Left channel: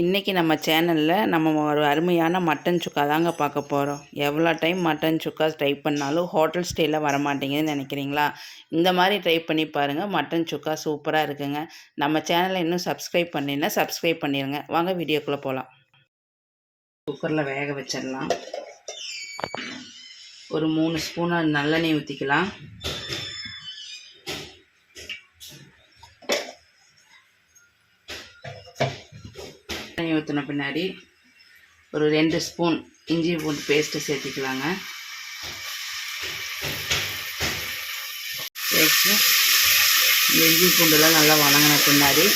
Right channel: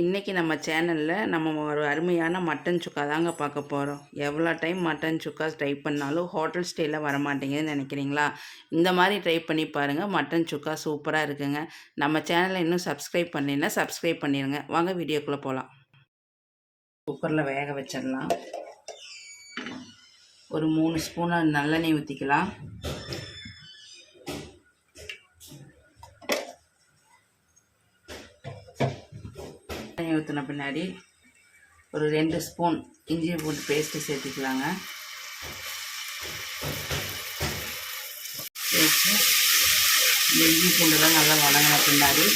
இன்றைக்கி நம்ம சேனலில் நம்ம ஒரு அருமையான மட்டன் சுக்கா தாங்க பார்க்க போகிறோம். எவ்வளோ டைம் மட்டன் சுக்கா ட்ரை பண்ணாலும் ஹோட்டல் ஸ்டைலில் வர மாட்டேங்குதுன்னு நினைக்கிறீங்களா? இந்த மாதிரி ட்ரை பண்ணி பாருங்கள். மட்டன் சுக்கா சூப்பராக இருக்குங்க. நம்ம சேனலை இன்னும் சப்ஸ்கிரைப் பண்ணலைன்னா சப்ஸ்கிரைப் பண்ணிடுங்க. வாங்க வீடியோக்குள்ளே போகலாம். குக்கரில் வேக வச்சிடலாம். ஒரு 3 ஸ்பூன் நல்லெண்ணெய் ஊற்றிக்கலாம். எண்ணெய் ஊற்றின பின்னாடி ஒரு 2 ஸ்பூன் இஞ்சி பூண்டு பேஸ்ட்டு சேர்த்திக்கலாங்க. சேர்த்து இஞ்சி பூண்டுலாம் நல்லா வணங்கின பின்னாடி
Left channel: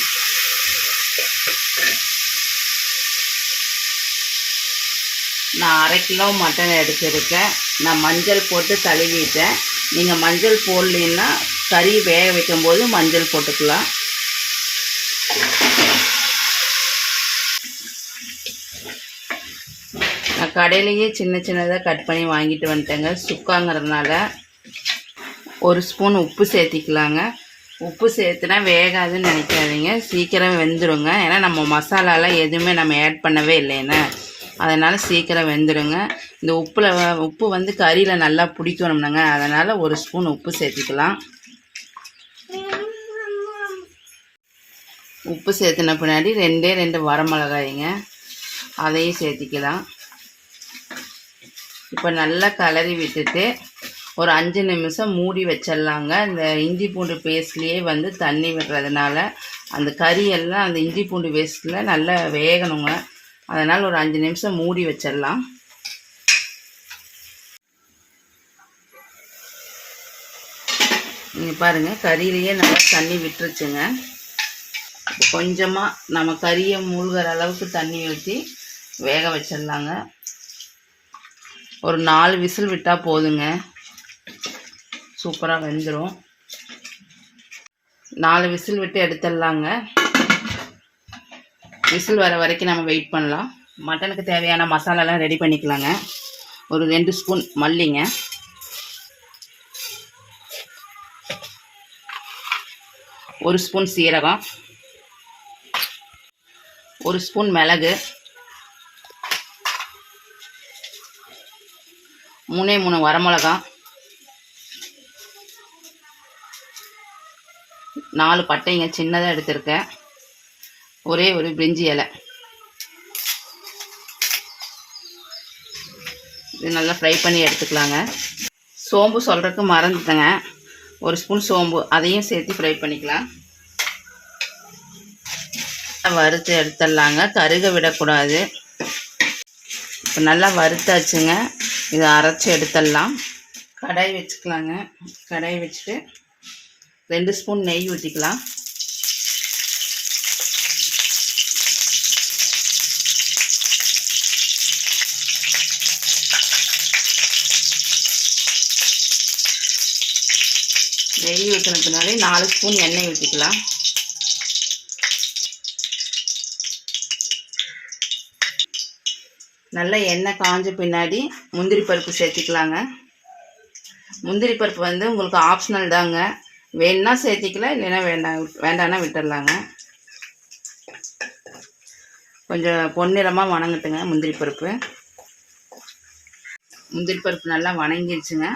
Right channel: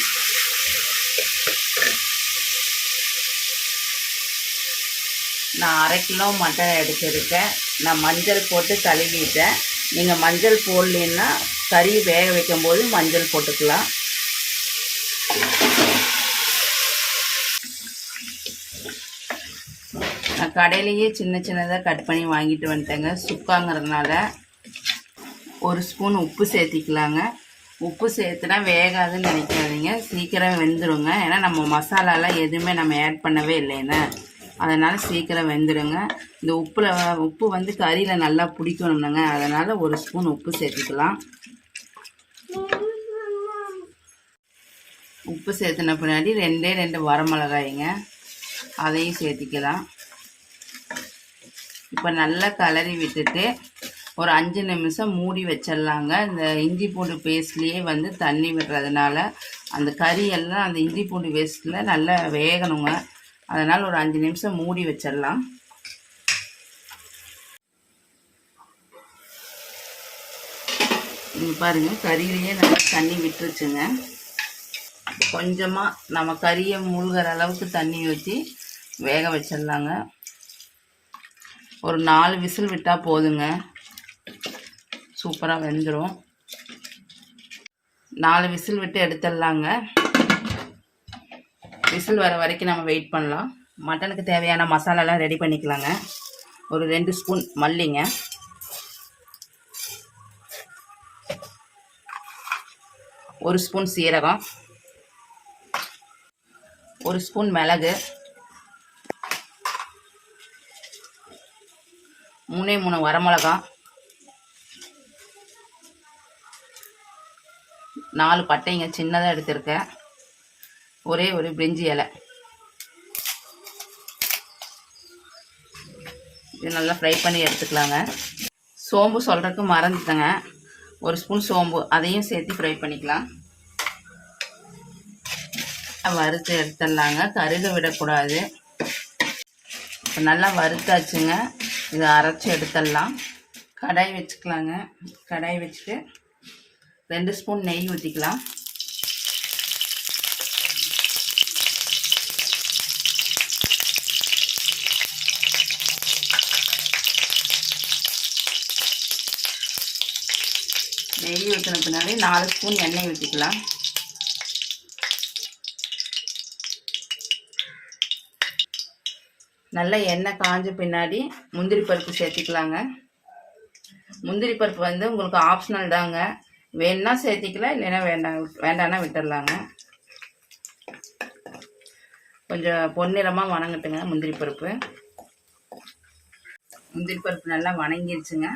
நான் 1/2 கிலோ மட்டன் எடுத்துருக்கேன். நான் மஞ்சள் போட்டு கழுவிட்டேன். நீங்கள் மஞ்சள் போடலைன்னா கறி வேக வைக்கும்போது மஞ்சள் போட்டுக்கலாம். நான் கடையிலேயே சின்னதாக கட் பண்ணி வாங்கிட்டு வந்துட்டேங்க. சுக்காங்கிறதுனால 1 ஸ்பூன் உப்பு சேர்த்திக்கலாங்க. உப்பு சேர்த்துனா வேகாதுன்னு நினைக்காதீங்க, சீக்கிரம் வெந்துடுங்க. ஏன்னா நம்ம மசாலாலாம் எதுவுமே நம்ம ஆட் பண்ணவே இல்லைன்னு, அதனால் சீக்கிரம் வெந்துடுங்க. இந்த உப்பு வந்து கறியில் நல்லா பிடிக்கணும்னுங்க, அதனால் 1 ஸ்பூன் உப்பு சேர்த்திக்கலாம். உப்பு சேர்த்துன பின்னாடி 2 வரமிளகாய்ங்க, அதையும் சேர்த்திக்கலாம். இப்போ நல்லா கலரி விட்டுட்டு ஒரு 5 நிமிஷம் மூடி வச்சிடலாங்க. இந்த இஞ்சி பூண்டு பேஸ்ட்லேயே வந்து தண்ணி விடுறதுனால அந்த கறியெல்லாம் அந்த இஞ்சி பூண்டு பேஸ்ட்டில் நல்லா வேகணுங்க. அதனால் ஒரு 5 நிமிஷம் மூடி வச்சிடலாம். இங்கே பாருங்கள், கறியிலேயே நல்லா தண்ணி விட்டுருச்சுங்க. கொஞ்சமாக நம்ம கறியை மூழ்கிற அளவுக்கு தண்ணி ஊற்றி வேக வச்சிடலாங்க. ஒரு 4 விசில் விட்டால் போதுங்க, சூப்பராக வெந்துடும். 4 விசில் விட்டு எடுத்துடலாங்க. விசில் வர வரைக்கும் நம்ம வெயிட் பண்ணலாம். மட்டனுக்கு தேவையான மசாலாலாம் ரெடி பண்ணிக்கலாங்க. ஒரு 2 ஸ்பூன் மல்லிங்க, 1 ஸ்பூன் சீரகம், 1 ஸ்பூன் மிளகு, 3 வரமிளகா, 4 பட்டைங்க சின்னதாக எடுத்திருக்கேன், ஒரே ஒரு பிரிஞ்சி இலை. இது நல்லா ஃப்ரை பண்ணி எடுத்துக்கலாங்க. சோம்பு சொல்கிறதுக்கு மறந்துட்டேங்க, 1 ஸ்பூன் சோம்பு, அதையும் சேர்த்து ஃப்ரை பண்ணிக்கலாம். வறுத்து எடுத்துடலாங்க, கருக விடக்கூடாது. இப்போ நல்லா வறுத்தாச்சுங்க. இதை அரைச்சி எடுத்துடலாம். கடாய் வச்சுக்கலாங்க. கடாய் வச்சுட்டு 2 ஸ்பூன் நெய் ஊற்றிக்கலாம். நெய் ஊற்றின பின்னாடி 4 ஸ்பூன் எண்ணெய் ஊற்றிக்கலாம். நல்லா எண்ணெய் காஞ்ச பின்னாடி முந்திரி பருப்பு சேர்த்திக்கலாங்க. முந்திரி பருப்பு வந்து உங்களுக்கு ஆப்ஷனல் தாங்க, வேணுன்னா சேர்த்திக்கலாம், இல்லைன்னா வேண்டான்னா விட்டுடலாங்க. கொஞ்சம் பொன்னிறமாக வணங்கட்டுங்க முந்திரி பருப்பு. முந்திரி பருப்பு நல்லா வணங்கிடுச்சுங்க.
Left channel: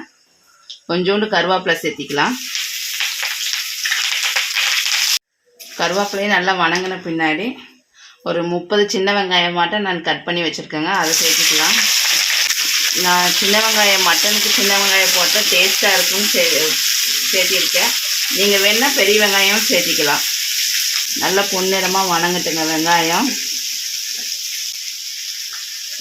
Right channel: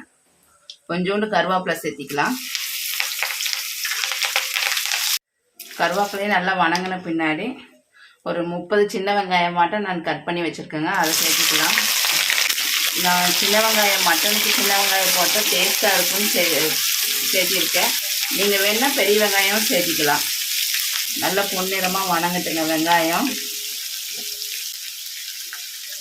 கொஞ்சோண்டு கருவேப்பிலை சேர்த்திக்கலாம். கருவேப்பிலையும் நல்லா வணங்கின பின்னாடி ஒரு 30 சின்ன வெங்காயம் மட்டும் நான் கட் பண்ணி வச்சுருக்கேங்க, அதை சேர்த்துக்கலாம். நான் சின்ன வெங்காயம் மட்டனுக்கு சின்ன வெங்காயம் போட்டால் டேஸ்ட்டாக இருக்கும்னு சேர்த்திருக்கேன். நீங்கள் வேணால் பெரிய வெங்காயம் சேர்த்திக்கலாம். நல்லா பொன்னிறமாக வணங்கட்டுங்க வெங்காயம்.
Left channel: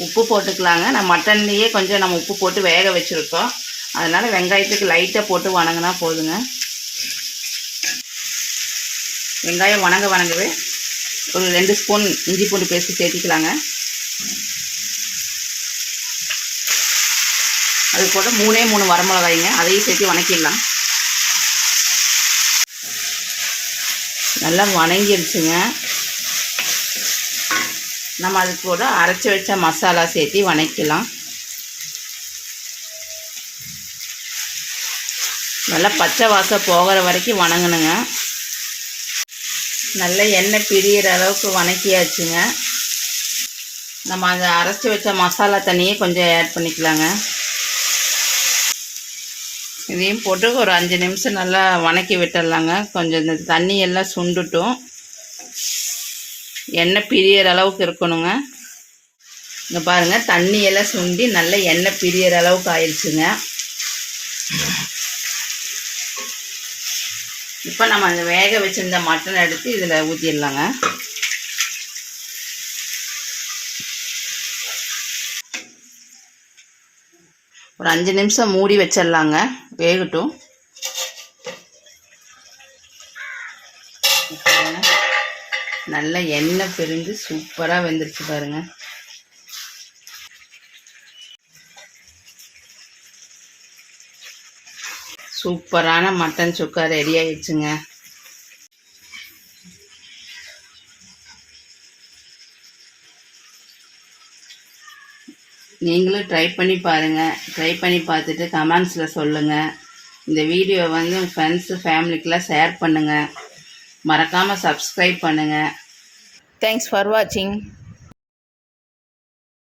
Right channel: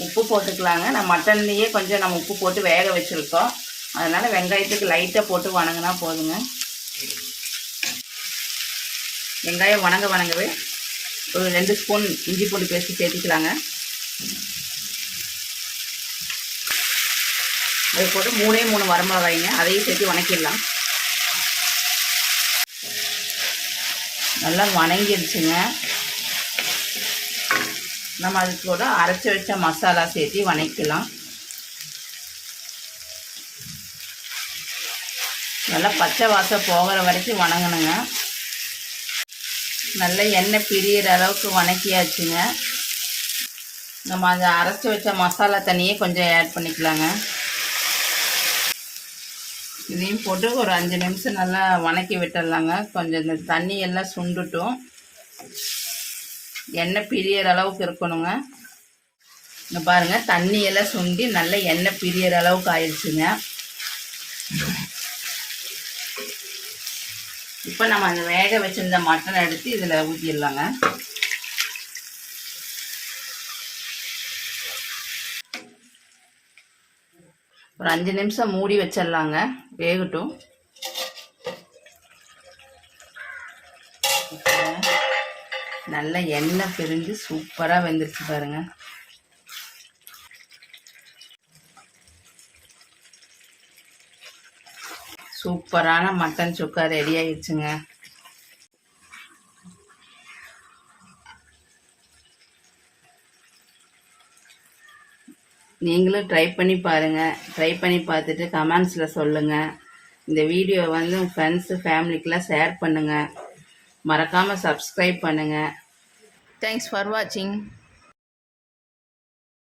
உப்பு போட்டுக்கலாங்க. நான் மட்டன்லேயே கொஞ்சம் நம்ம உப்பு போட்டு வேக வச்சுருக்கோம், அதனால் வெங்காயத்துக்கு லைட்டாக போட்டு வணங்கினா போதுங்க. வெங்காயம் வணங்கவே ஒரு 2 ஸ்பூன் இஞ்சி பூண்டு பேஸ்ட்டு சேர்த்திக்கலாங்க. அது கூட 3 வரமிளகாய்ங்க, அதையும் சேர்த்து வணக்கிடலாம். நல்லா வணங்கிடுச்சுங்க. நம்ம அது கூட அரைச்சி வச்ச மசாலா சேர்த்து வணக்கலாம். நல்லா பச்சை வாசம் போகிற வரைக்கும் வணங்கணுங்க. நல்ல எண்ணெய் பிரியிற அளவுக்கு வணக்கியாச்சுங்க. நம்ம அதை அரைச்சி வச்ச மசாலா தண்ணியே கொஞ்சம் ஆட் பண்ணிக்கலாங்க. இதையும் போட்டு ஒரு 5 நிமிஷம் நல்லா வணக்கி விட்டுடலாங்க. கொஞ்சம் இந்த தண்ணி எல்லாம் சுண்டுட்டும் எண்ணெய் பிரியற அளவுக்கு இருக்கணுங்க. இங்கே பாருங்கள், தண்ணி எல்லாம் சுண்டி நல்லா எண்ணெய் பிரியற அளவுக்கு ஆயிடுச்சுங்க. இப்போ நம்ம அந்த வேக வச்சிருந்த மட்டனை எடுத்து இதில் ஊற்றிடலாங்க. ஒரு 5 நிமிஷம் மூடி வச்சிடலாங்க, வேகட்டும். நல்ல எண்ணெய் பிரிஞ்சு சூப்பராக வெந்துருச்சு பாருங்கள். சூப்பரான மட்டன் சுக்கா ரெடி ஆயிடுச்சுங்க. நீங்களும் ட்ரை பண்ணி பாருங்கள். ட்ரை பண்ணி பார்த்துட்டு கமெண்ட்ஸில் சொல்லுங்கள். இந்த வீடியோ வந்து உங்கள் ஃப்ரெண்ட்ஸு ஃபேமிலிக்கெலாம் ஷேர் பண்ணுங்கள். மறக்காமல் சப்ஸ்கிரைப் பண்ணுங்கள். தேங்க்ஸ் ஃபார் வாட்சிங்.